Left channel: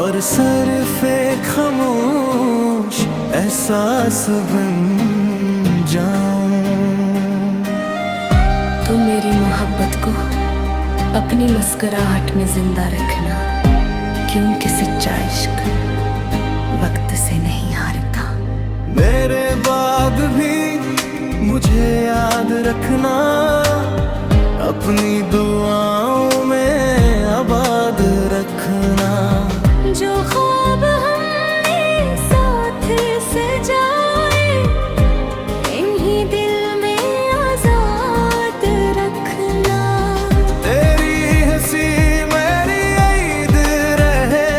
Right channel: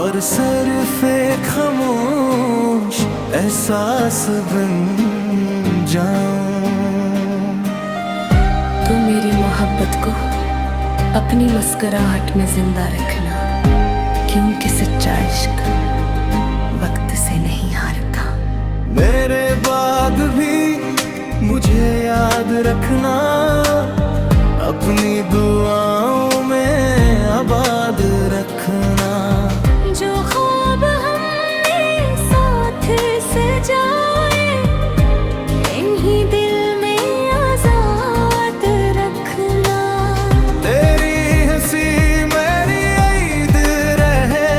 और सरफे खामोश एहसास बन जाऊं। तू मेरी मोहब्बत को अपनी मुस्कुराहट में जिंदा रखना, क्योंकि सच्चा इश्क वक्त से नहीं हारता। मेरे बाद भी मुझे याद रखना, अपनी दुआओं में आबाद रखना। जो ख्वाब हमने साथ सजाए, इन्हीं दिल में आजाद रखना। तेरी हंसी मेरी ईद रहे,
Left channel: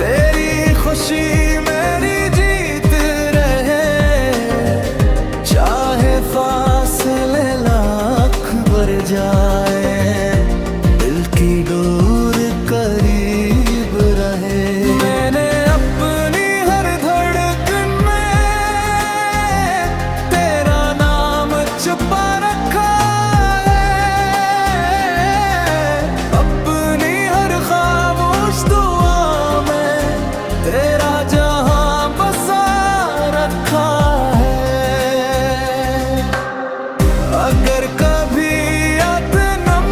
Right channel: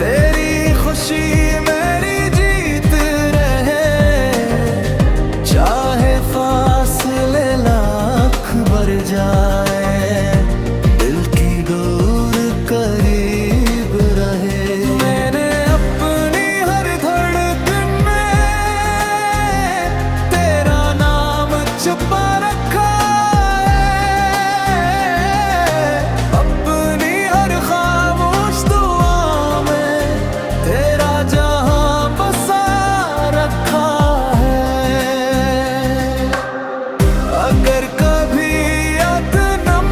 तेरी खुशी मेरी जीत रहे। चाहे फासले लाख बढ़ जाए, दिल की डोर करीब रहे। मैंने अपनी हर धड़कन में तेरा नाम छुपा रखा है, अपनी हर खामोश दुआ में तेरा जहां बसा रखा है। अगर कभी याद नम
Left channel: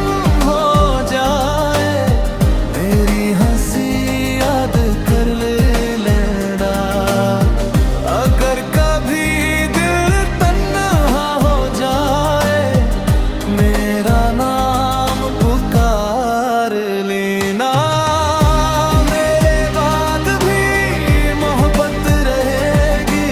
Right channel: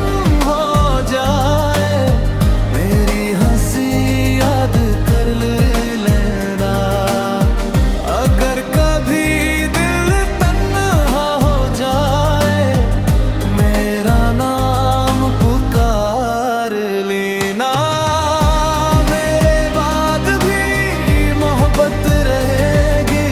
हो जाए, मेरी हंसी याद कर लेना। अगर कभी दिल तन्हा हो जाए, मेरा नाम पुकार लेना। मेरे बाद भी मोहब्बत रहेगी,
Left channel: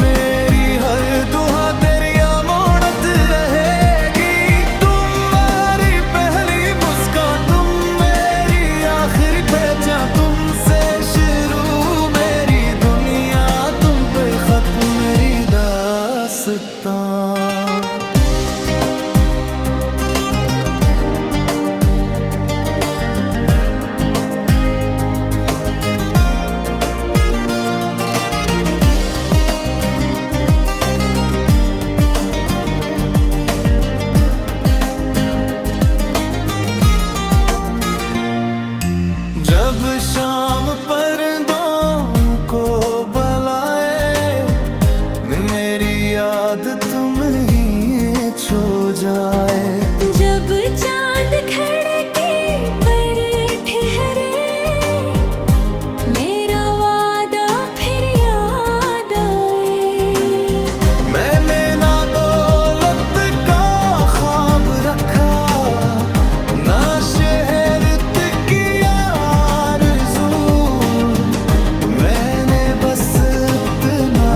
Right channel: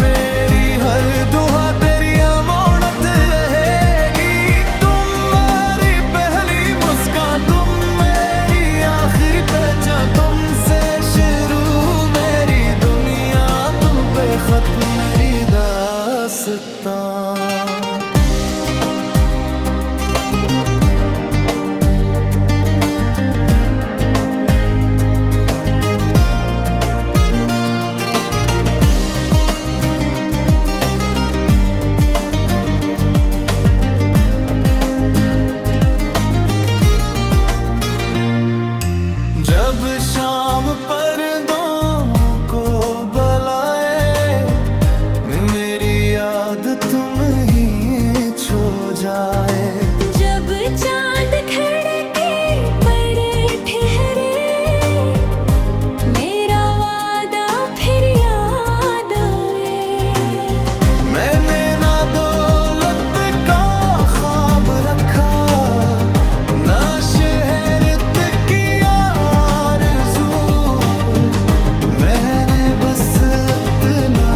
मेरी हर दुआ तेरी अमानत रहेगी। तुम मेरी पहली मुस्कान, तुम मेरी आखिरी पहचान, तुमसे शुरू मेरी दुनिया, तुम पे खत्म मेरी दास्तां। जब शाम पर्दों को बुलाए, मेरी याद तुम ही छो जाए। जब चांद खड़के पर ठहरे, मेरा वादा फिर याद आए। मैंने ना दौलत का ख्वाब रखा, ना शहर की आरज़ू। मैंने बस इतना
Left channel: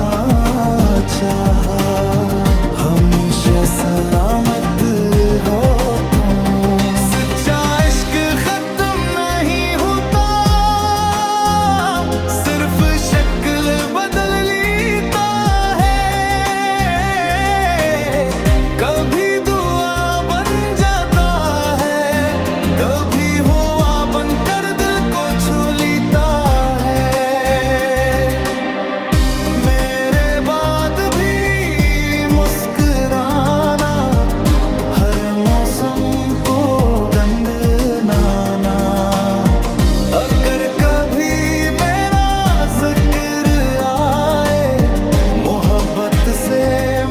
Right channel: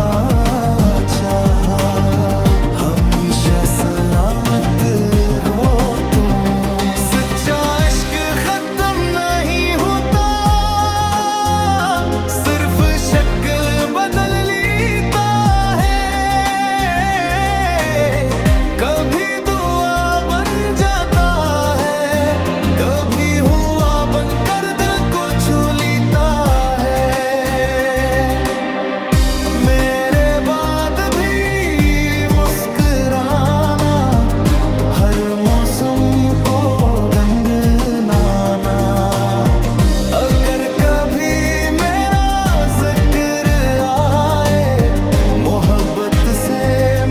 चाहा, हमेशा सलामत हो तुम। सच्चा इश्क खत्म नहीं होता, सिर्फ शक्ल बदल लेता है। कभी दुआ बन जाता है, कभी हुआ बनकर दिल को छू लेता है। मेरे बाद भी मुस्कुराना, हर मौसम को गंगनाना। अगर कभी मेरा जिक्र आए, मोहब्बत से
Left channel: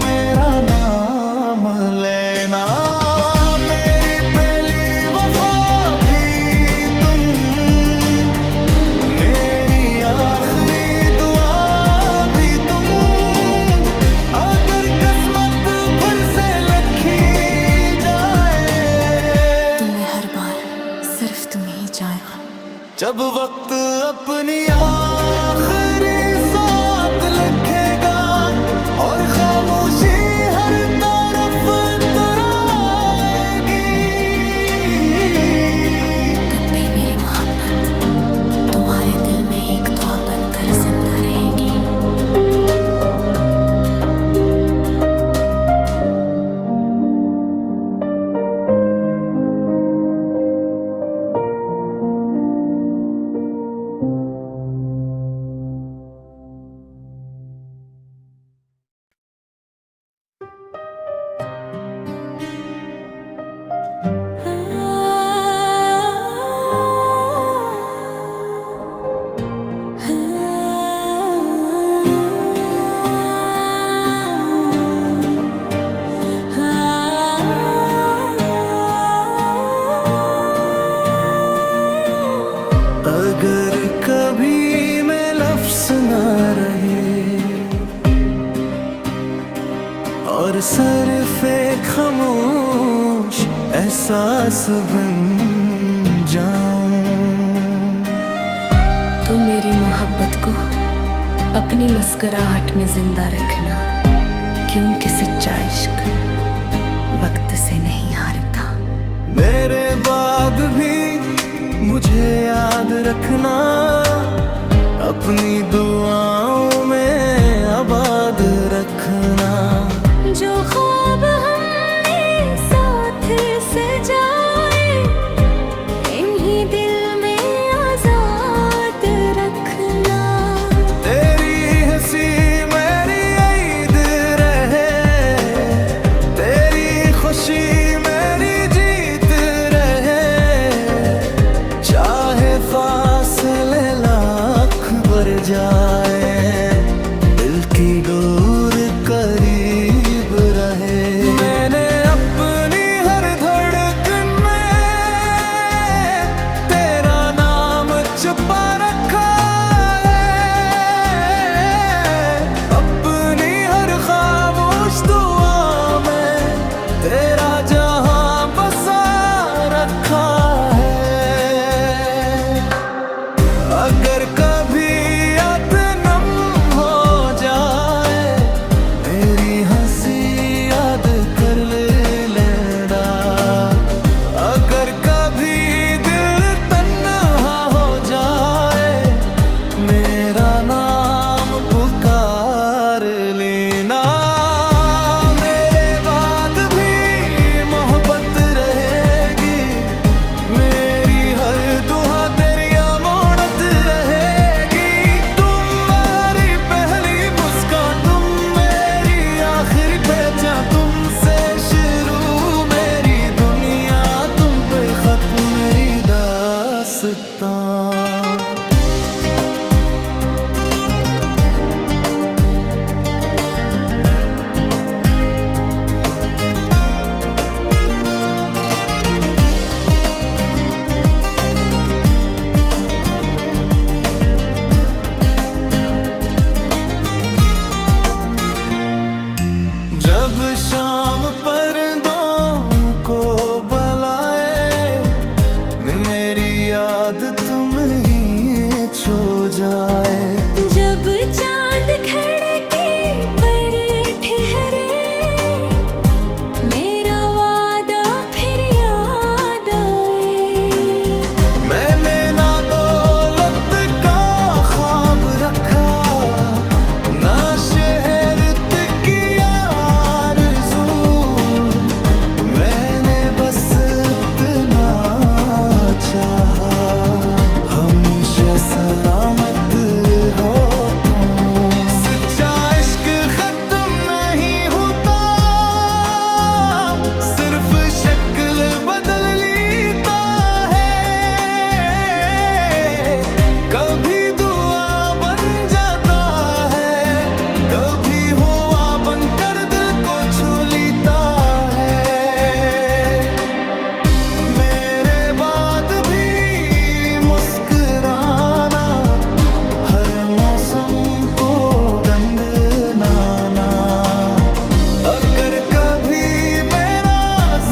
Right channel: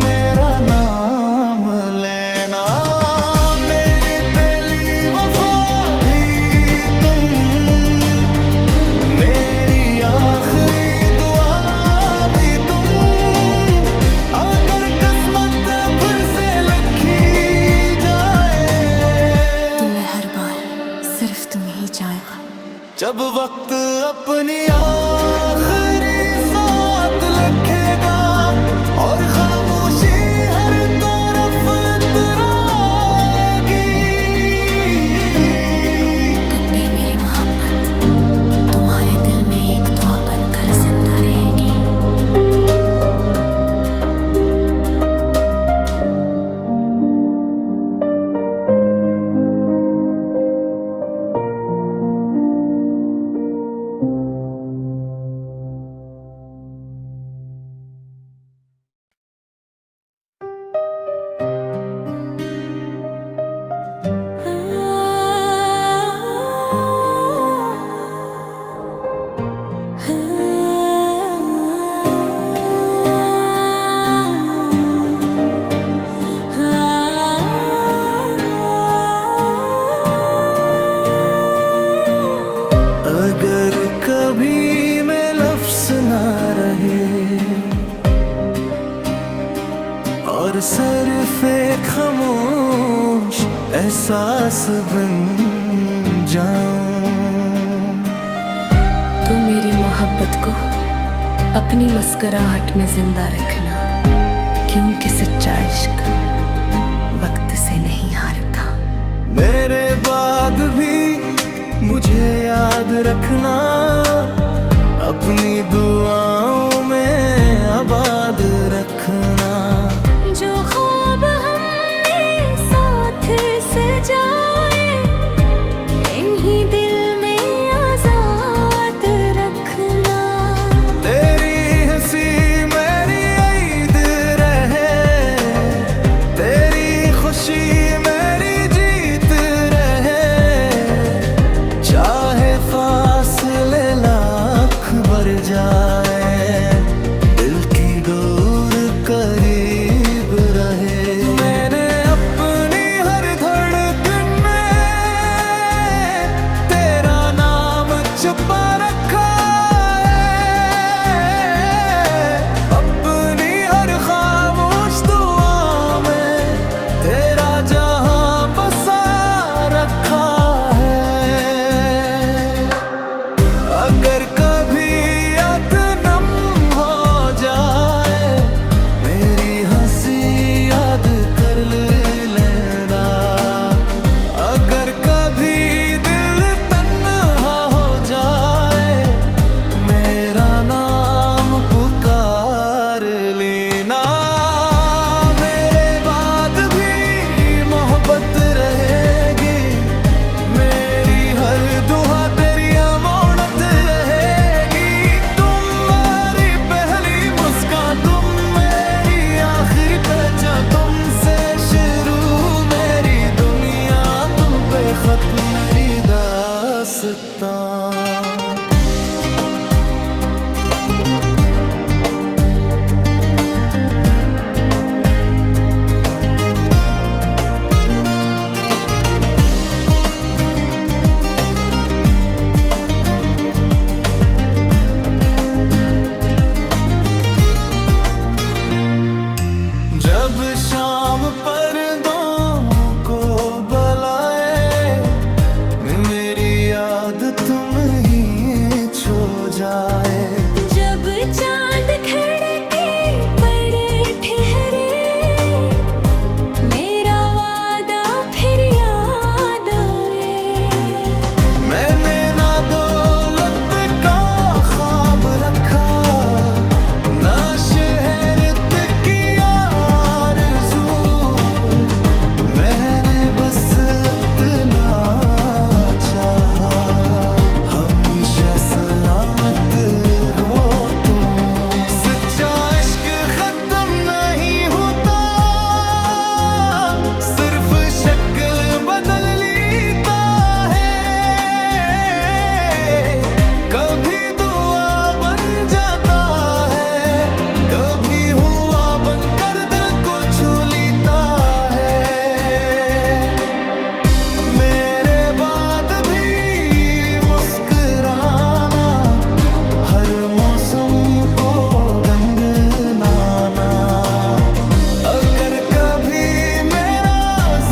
मेरा नाम लेना। मेरी पहली वफा भी तुम, मेरी आखिरी दुआ भी तुम। अगर किस्मत फिर से लिखी जाए, तुम्हें हर बार सिर्फ तुम ही जाएगा। जब वक्त अपनी आखिरी साथ लिखेगा, और खामोशी हर तरफ तराएगी, तब भी मेरी मोहब्बत तुम्हारे दिल में एक दुआ बनकर जिंदा रहेगी। अगर कभी मैं लफ्ज़ ना रहे और सिर्फ़ खामोश एहसास बन जाऊं, तू मेरी मोहब्बत को अपनी मुस्कुराहट में जिंदा रखना, क्योंकि सच्चा इश्क वक्त से नहीं हारता। मेरे बाद भी मुझे याद रखना, अपनी दुआओं में आबाद रखना। जो ख्वाब हमने साथ सजाए, इन्हीं दिल में आजाद रखना। तेरी हंसी मेरी ईद रहे, तेरी खुशी मेरी जीत रहे, चाहे फासले लाख बढ़ जाए, दिल की डोर करीब रहे। मैंने अपनी हर धड़कन में तेरा नाम छुपा रखा है, अपनी हर खामोश दुआ में तेरा जहां बसा रखा है। अगर कभी याद नम हो जाए, मेरी हंसी याद कर लेना। अगर कभी दिल तन्हा हो जाए, मेरा नाम पुकार लेना। मेरे बाद भी मोहब्बत रहेगी, मेरी हर दुआ तेरी अमानत रहेगी। तुम मेरी पहली मुस्कान, तुम मेरी आखिरी पहचान, तुमसे शुरू मेरी दुनिया, तुम पे खत्म मेरी दास्तां। जब शाम पर्दों को बुलाए, मेरी याद तुम ही छो जाए। जब चांद खिड़की पर ठहरे, मेरा वादा फिर याद आए। मैंने ना दौलत का ख्वाब रखा, ना शहरत की आरज़ू, मैंने बस इतना चाहा, हमेशा सलामत हो तुम। सच्चा इश्क खत्म नहीं होता, सिर्फ शक्ल बदल लेता है। कभी दुआ बन जाता है, कभी हुआ बनकर दिल को छू लेता है। मेरे बाद भी मुस्कुराना, हर मौसम को गंगनाना। अगर कभी मेरा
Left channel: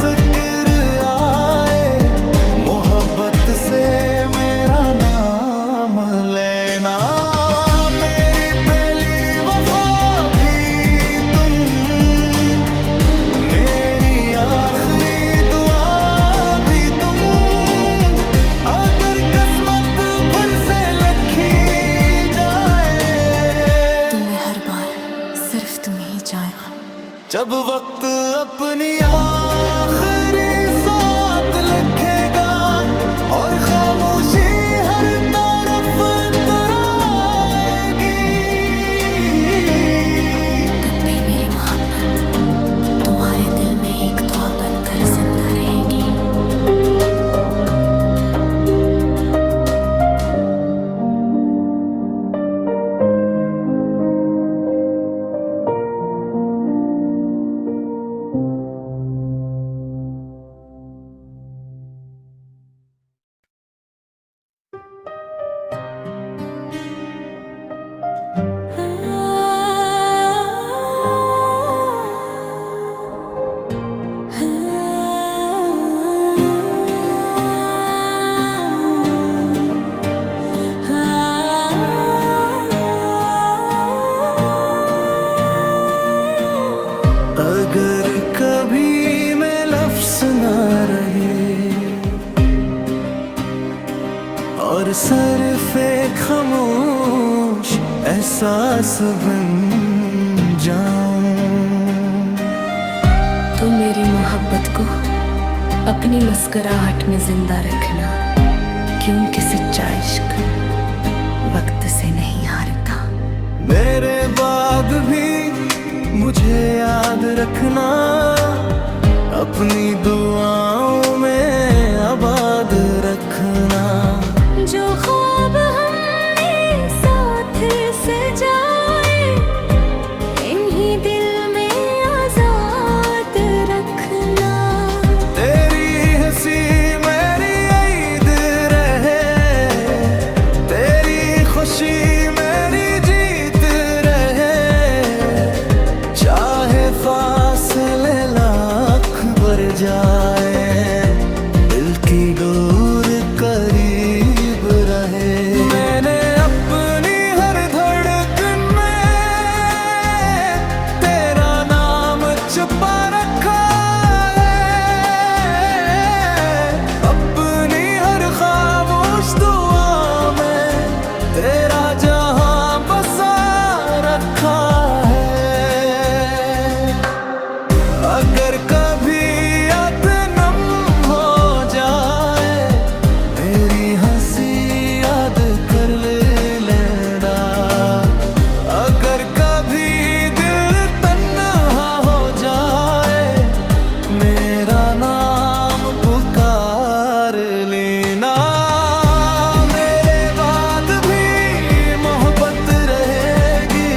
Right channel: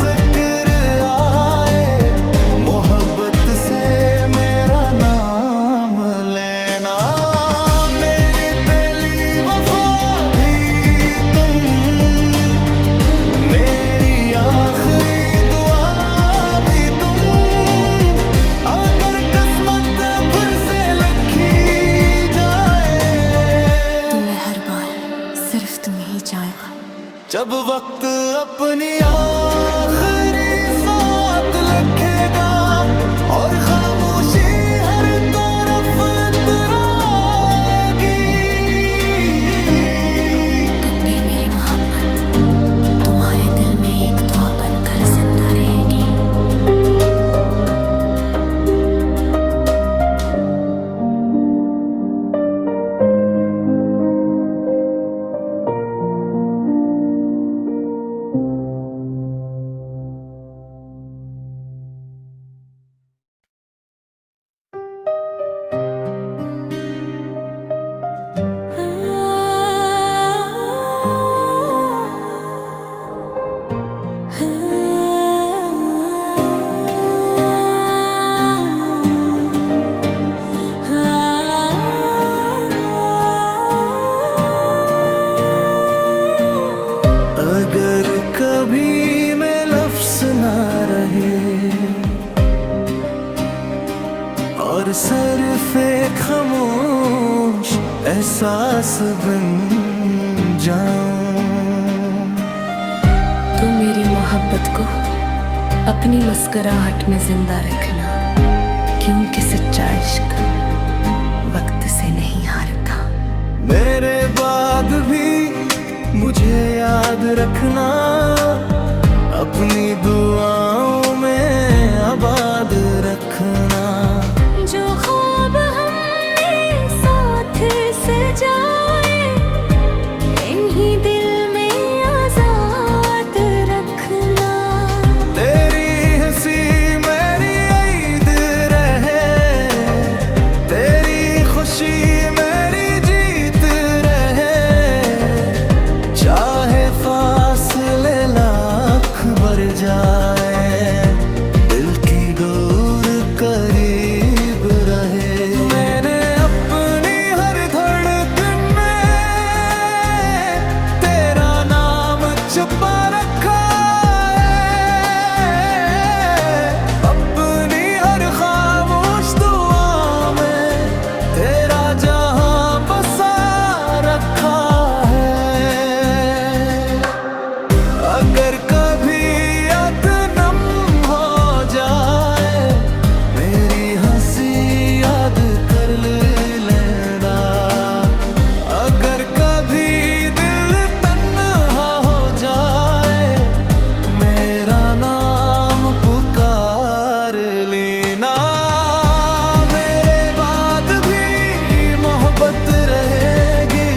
जिक्र आए, मोहब्बत से मेरा नाम लेना। मेरी पहली वफा भी तुम, मेरी आखिरी दुआ भी तुम। अगर किस्मत फिर से लिखी जाए, तुम्हें हर बार सिर्फ तुम ही जाएगा। जब वक्त अपनी आखिरी साथ लिखेगा और खामोशी हर तरफ तराएगी, तब भी मेरी मोहब्बत तुम्हारे दिल में एक दुआ बनकर जिंदा रहेगी। ना रहे और सरफे खामोश एहसास बन जाऊं। तू मेरी मोहब्बत को अपनी मुस्कुराहट में जिंदा रखना, क्योंकि सच्चा इश्क वक्त से नहीं हारता। मेरे बाद भी मुझे याद रखना, अपनी दुआओं में आबाद रखना। जो ख्वाब हमने साथ सजाए, इन्हीं दिल में आजाद रखना। तेरी हंसी मेरी ईद रहे, तेरी खुशी मेरी जीत रहे। चाहे फासले लाख बढ़ जाए, दिल की डोर करीब रहे। मैंने अपनी हर धड़कन में तेरा नाम छुपा रखा है, अपनी हर खामोश दुआ में तेरा जहां बसा रखा है। अगर कभी याद नम हो जाए, मेरी हंसी याद कर लेना। अगर कभी दिल तन्हा हो जाए, मेरा नाम पुकार लेना। मेरे बाद भी मोहब्बत रहेगी,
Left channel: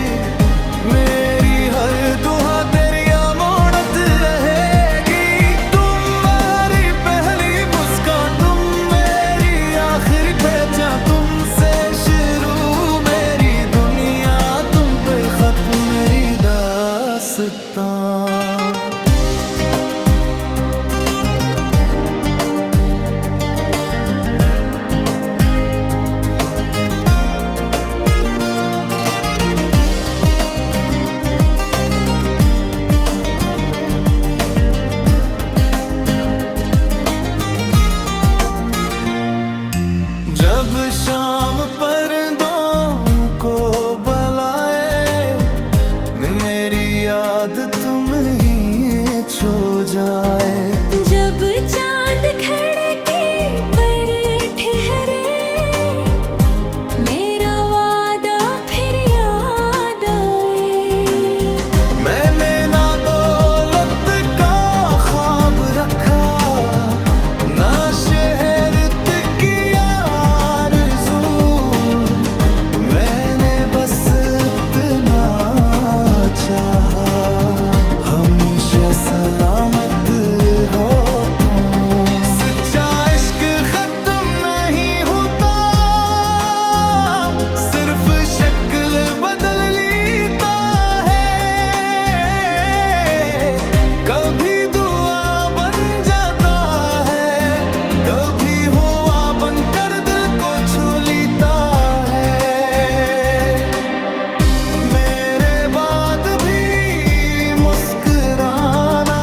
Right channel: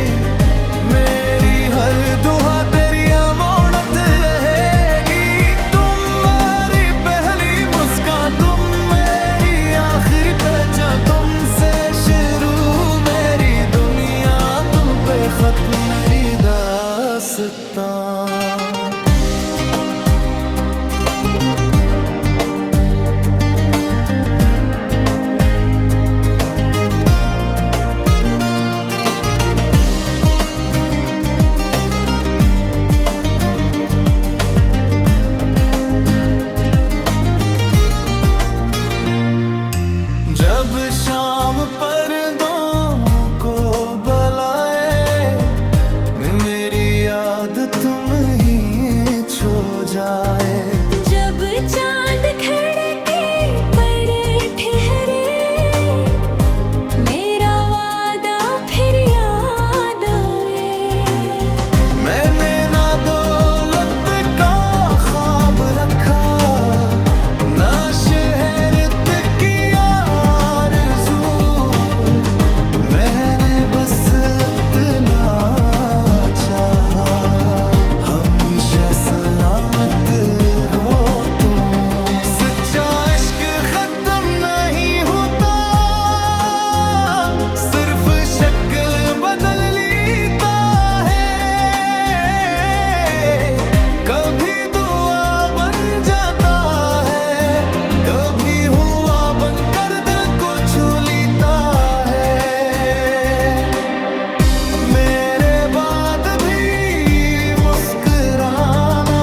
मेरी हर दुआ तेरी अमानत रहेगी। तुम मेरी पहली मुस्कान, तुम मेरी आखिरी पहचान, तुमसे शुरू मेरी दुनिया, तुम पे खत्म मेरी दास्तां। जब शाम पर्दों को बुलाए, मेरी याद तुम ही छो जाए। जब चांद खिड़की पर ठहरे, मेरा वादा फिर याद आए। मैंने ना दौलत का ख्वाब रखा, ना शहर की आरज़ू। मैंने बस इतना चाहा, हमेशा सलामत हो तुम। सच्चा इश्क खत्म नहीं होता, सिर्फ शक्ल बदल लेता है। कभी दुआ बन जाता है, कभी हुआ बनकर दिल को छू लेता है। मेरे बाद भी मुस्कुराना,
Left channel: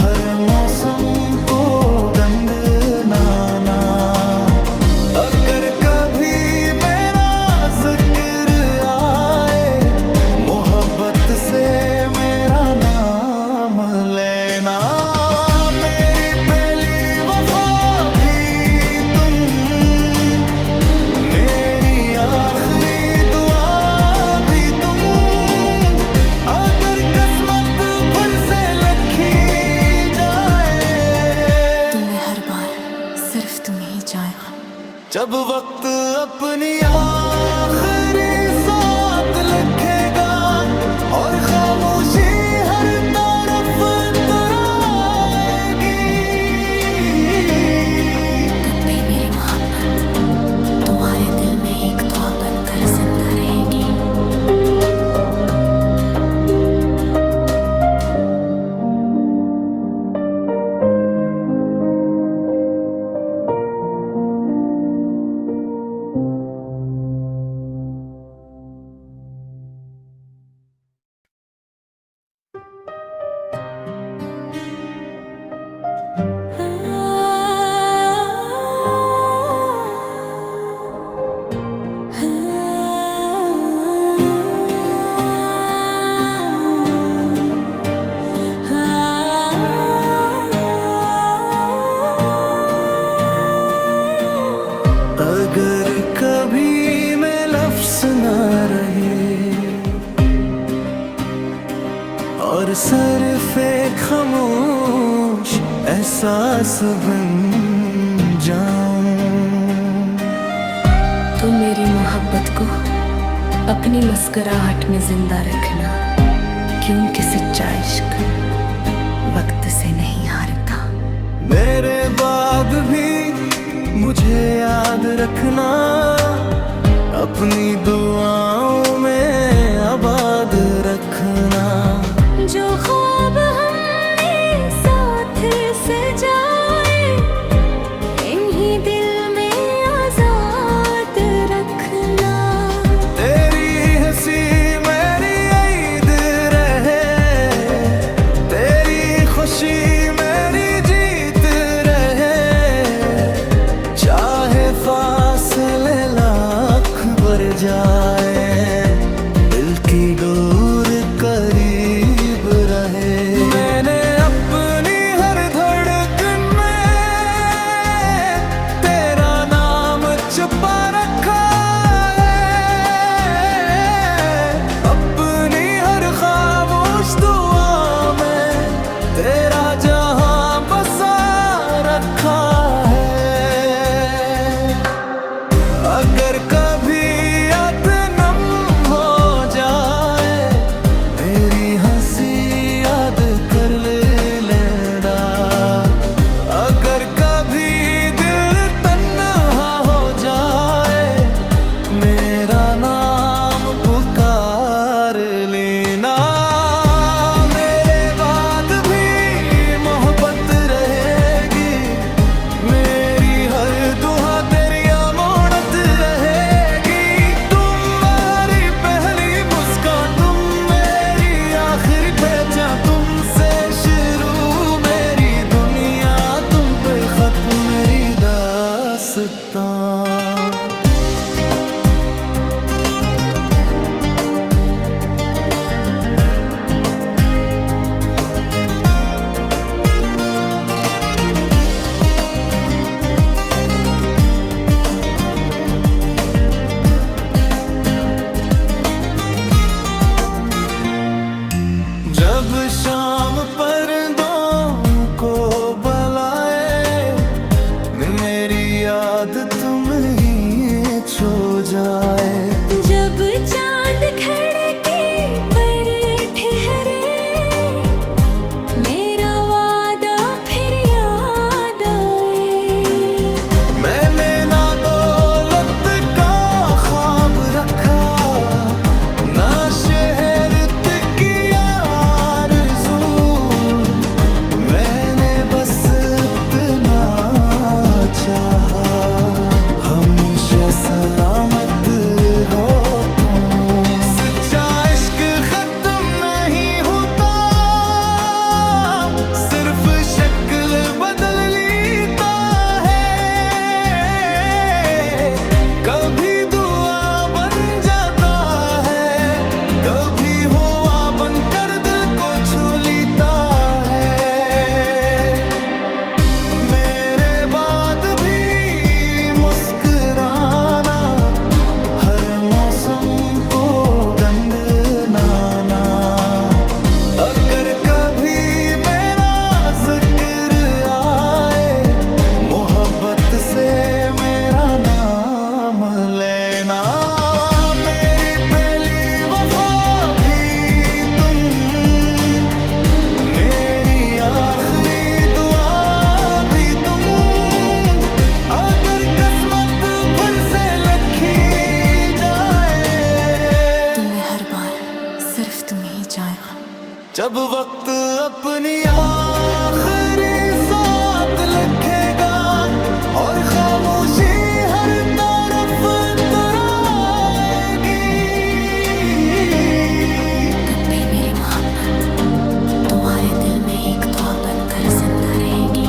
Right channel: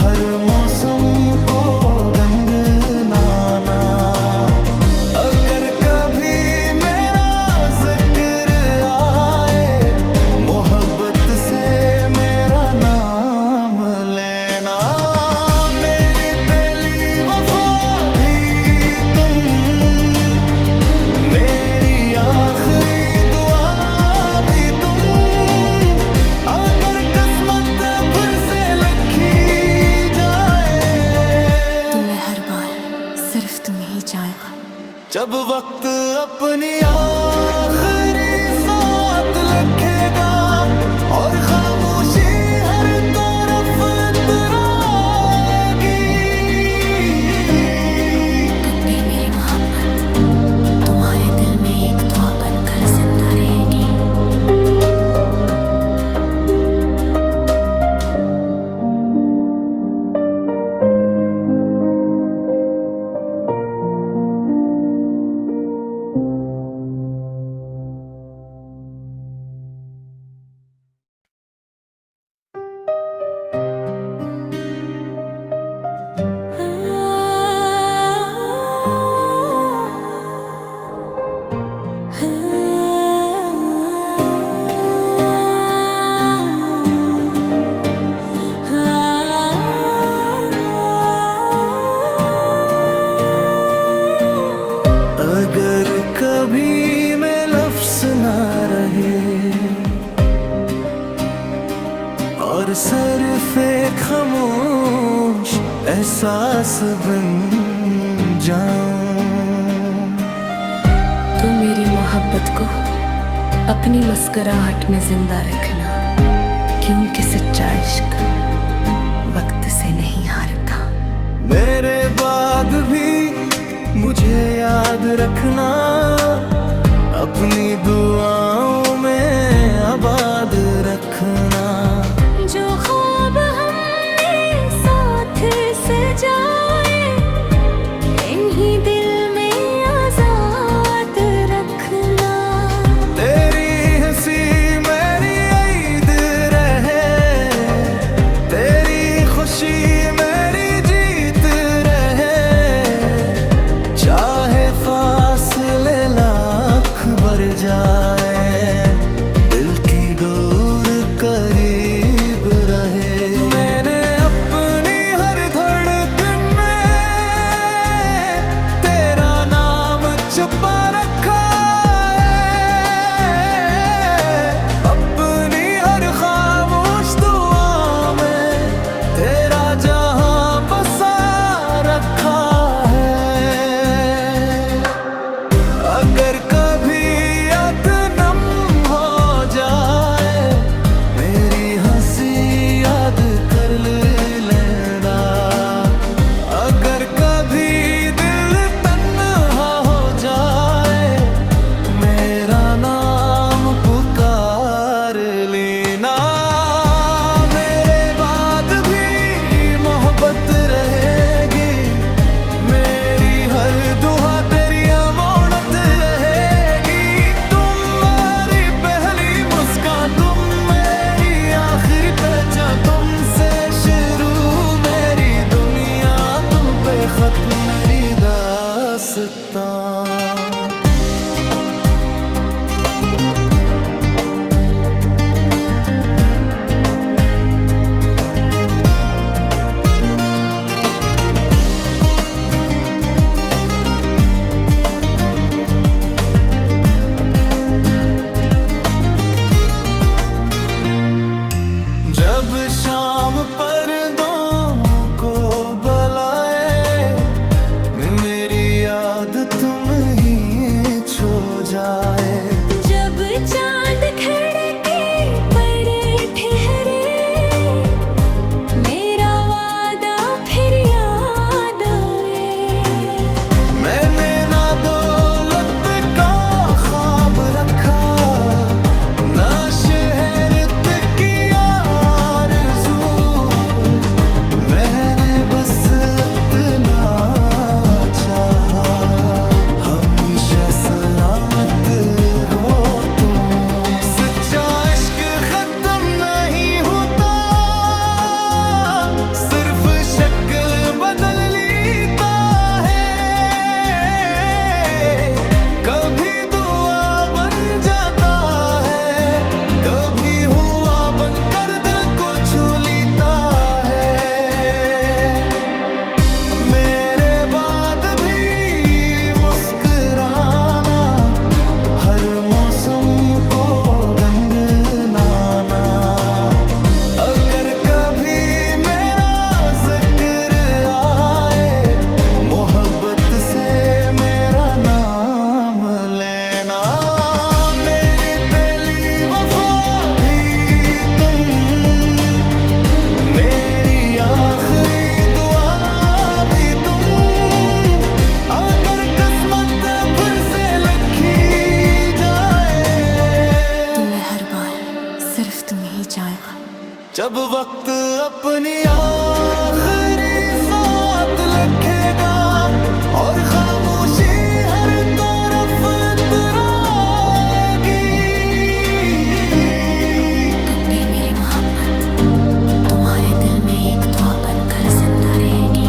हर मौसम को गंगनाना। अगर कभी मेरा जिक्र आए, मोहब्बत से मेरा नाम लेना। मेरी पहली वफा भी तुम, मेरी आखिरी दुआ भी तुम। अगर किस्मत फिर से लिखी जाए, तुम्हें हर बार सिर्फ तुम्हें ही जाएगा। जब वक्त अपनी आखिरी साथ लिखेगा और खामोशी हर तरफ तराएगी, तब भी मेरी मोहब्बत तुम्हारे दिल में एक दुआ बनकर जिंदा रहेगी। अगर कभी मैं लफ्ज़ ना रहे और सिर्फ़ एक खामोश एहसास बन जाऊं। तू मेरी मोहब्बत को अपनी मुस्कुराहट में जिंदा रखना, क्योंकि सच्चा इश्क वक्त से नहीं हारता। मेरे बाद भी मुझे याद रखना, अपनी दुआओं में आबाद रखना। जो ख्वाब हमने साथ सजाए, इन्हीं दिल में आजाद रखना। तेरी हंसी मेरी ईद रहे, तेरी खुशी मेरी जीत रहे। चाहे फासले लाख बढ़ जाए, दिल की डोर करीब रहे। मैंने अपनी हर धड़कन में तेरा नाम छुपा रखा है, अपनी हर खामोश दुआ में तेरा जहां बसा रखा है। अगर कभी याद नम हो जाए, मेरी हंसी याद कर लेना। अगर कभी दिल तन्हा हो जाए, मेरा नाम पुकार लेना। मेरे बाद भी मोहब्बत रहेगी, मेरी हर दुआ तेरी अमानत रहेगी। तुम मेरी पहली मुस्कान, तुम मेरी आखिरी पहचान, तुमसे शुरू मेरी दुनिया, तुम पे खत्म मेरी दास्तां। जब शाम पर्दों को बुलाए, मेरी याद तुम ही छो जाए। जब चांद खिड़की पर ठहरे, मेरा वादा फिर याद आए। मैंने ना दौलत का ख्वाब रखा, ना शहर की आरज़ू। मैंने बस इतना चाहा, हमेशा सलामत हो तुम। सच्चा इश्क खत्म नहीं होता, सिर्फ शक्ल बदल लेता है। कभी दुआ बन जाता है, कभी हुआ बनकर दिल को छू लेता है। मेरे बाद भी मुस्कुराना, हर मौसम को गंगनाना। अगर कभी मेरा जिक्र आए, मोहब्बत से मेरा नाम लेना। मेरी पहली वफा भी तुम, मेरी आखिरी दुआ भी तुम। अगर किस्मत फिर से लिखी जाए, तुम्हें हर बार सिर्फ तुम्हें ही जाएगा। जब वक्त अपनी आखिरी साथ लिखेगा और खामोशी हर तरफ तराएगी। तब भी मेरी मोहब्बत तुम्हारे दिल में एक दुआ बनकर जिंदा रहेगी।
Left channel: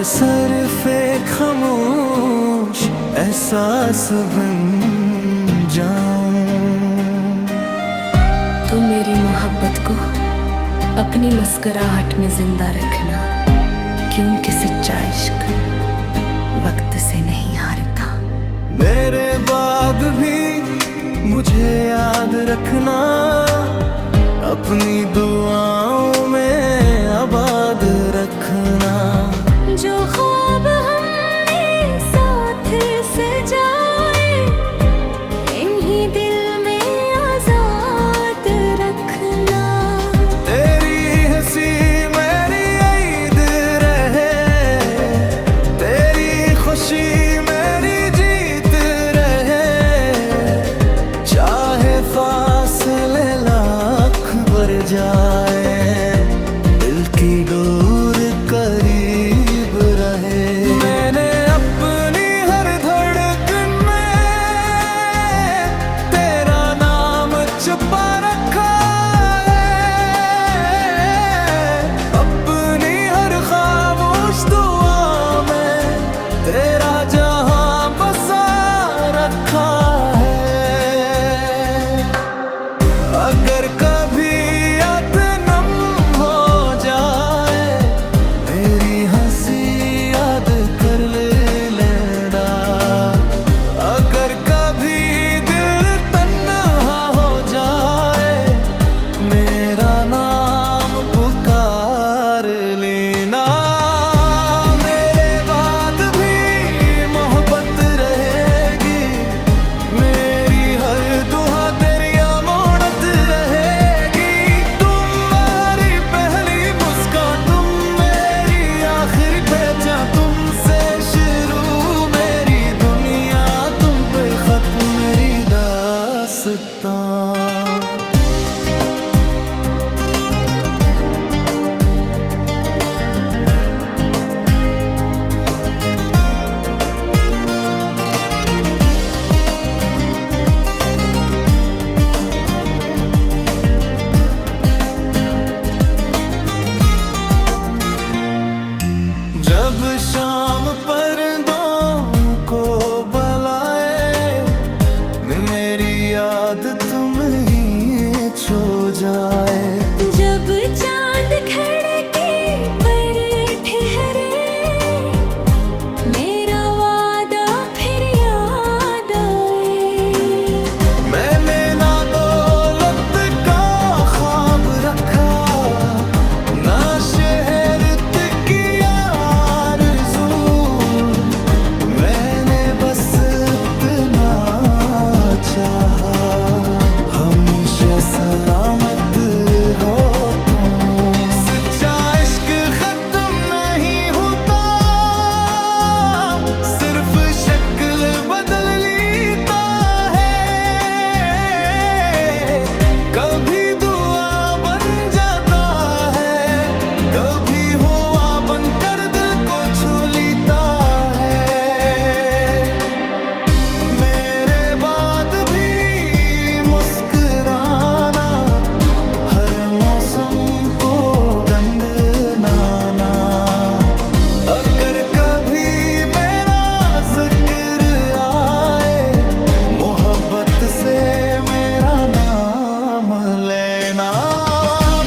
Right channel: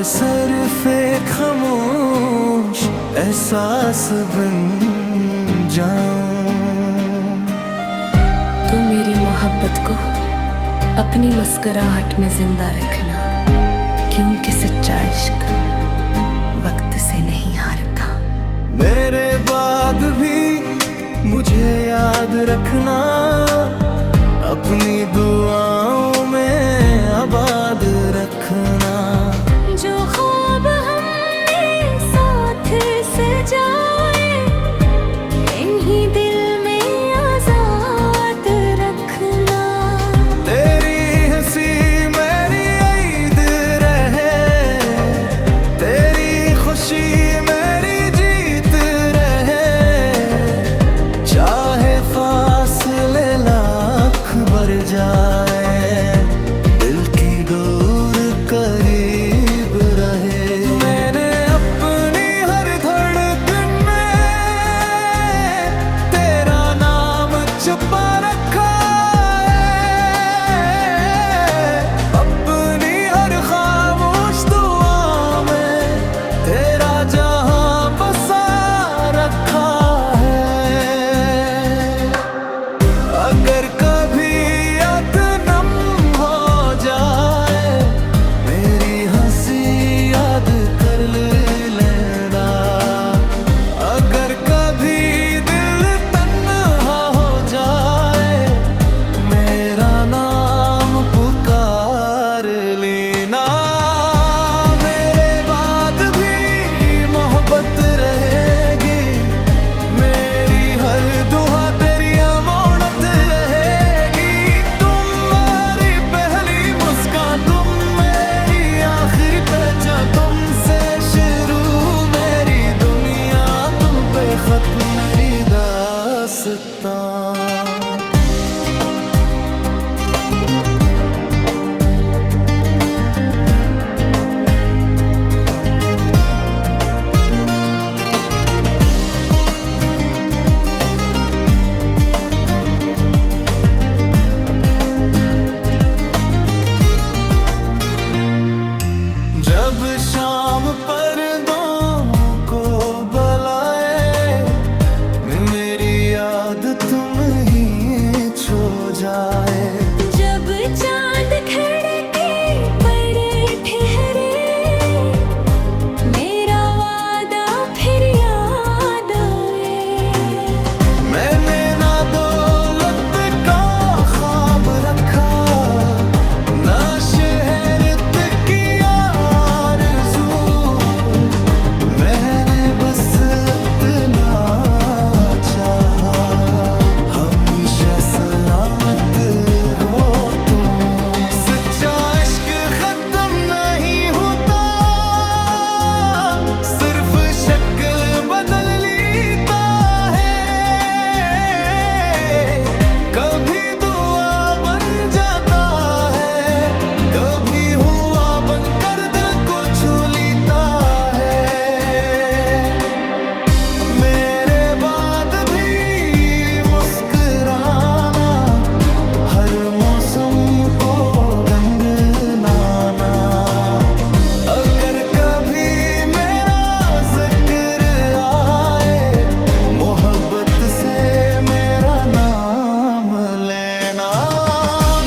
और सरफे खामोश एहसास बन जाऊं। तू मेरी मोहब्बत को अपनी मुस्कुराहट में जिंदा रखना, क्योंकि सच्चा इश्क वक्त से नहीं हारता। मेरे बाद भी मुझे याद रखना, अपनी दुआओं में आबाद रखना। जो ख्वाब हमने साथ सजाए, इन्हीं दिल में आजाद रखना। तेरी हंसी मेरी ईद रहे, तेरी खुशी मेरी जीत रहे। चाहे फासले लाख बढ़ जाए, दिल की डोर करीब रहे। मैंने अपनी हर धड़कन में तेरा नाम छुपा रखा है, अपनी हर खामोश दुआ में तेरा जहां बसा रखा है। अगर कभी याद नम हो जाए, मेरी हंसी याद कर लेना। अगर कभी दिल तन्हा हो जाए, मेरा नाम पुकार लेना। मेरे बाद भी मोहब्बत रहेगी, मेरी हर दुआ तेरी अमानत रहेगी। तुम मेरी पहली मुस्कान, तुम मेरी आखिरी पहचान, तुमसे शुरू मेरी दुनिया, तुम पे खत्म मेरी दास्तां। जब शाम पर्दों को बुलाए, मेरी याद तुम ही छो जाए। जब चांद खिड़की पर ठहरे, मेरा वादा फिर याद आए। मैंने ना दौलत का ख्वाब रखा, ना शहरत की आरज़ू। मैंने बस इतना चाहा, हमेशा सलामत हो तुम। सच्चा इश्क खत्म नहीं होता, सिर्फ शक्ल बदल लेता है। कभी दुआ बन जाता है, कभी हुआ बनकर दिल को छू लेता है। मेरे बाद भी मुस्कुराना, हर मौसम को गंगनाना। अगर कभी मेरा जिक्र आए, मोहब्बत से मेरा नाम लेना।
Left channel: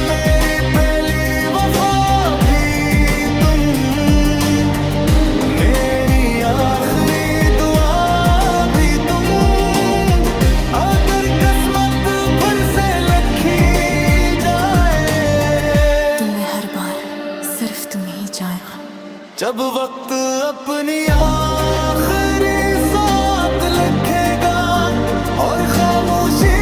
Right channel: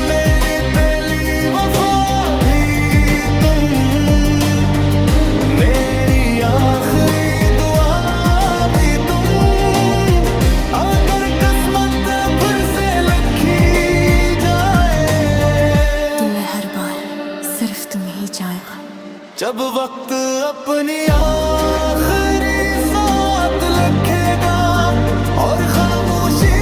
मेरी पहली वफा भी तुम, मेरी आखिरी दुआ भी तुम। अगर किस्मत फिर से लिखी जाए, तुम्हें हर बार सिर्फ तुम ही जाएगा। जब वक्त अपनी आखिरी साथ लिखेगा और खामोशी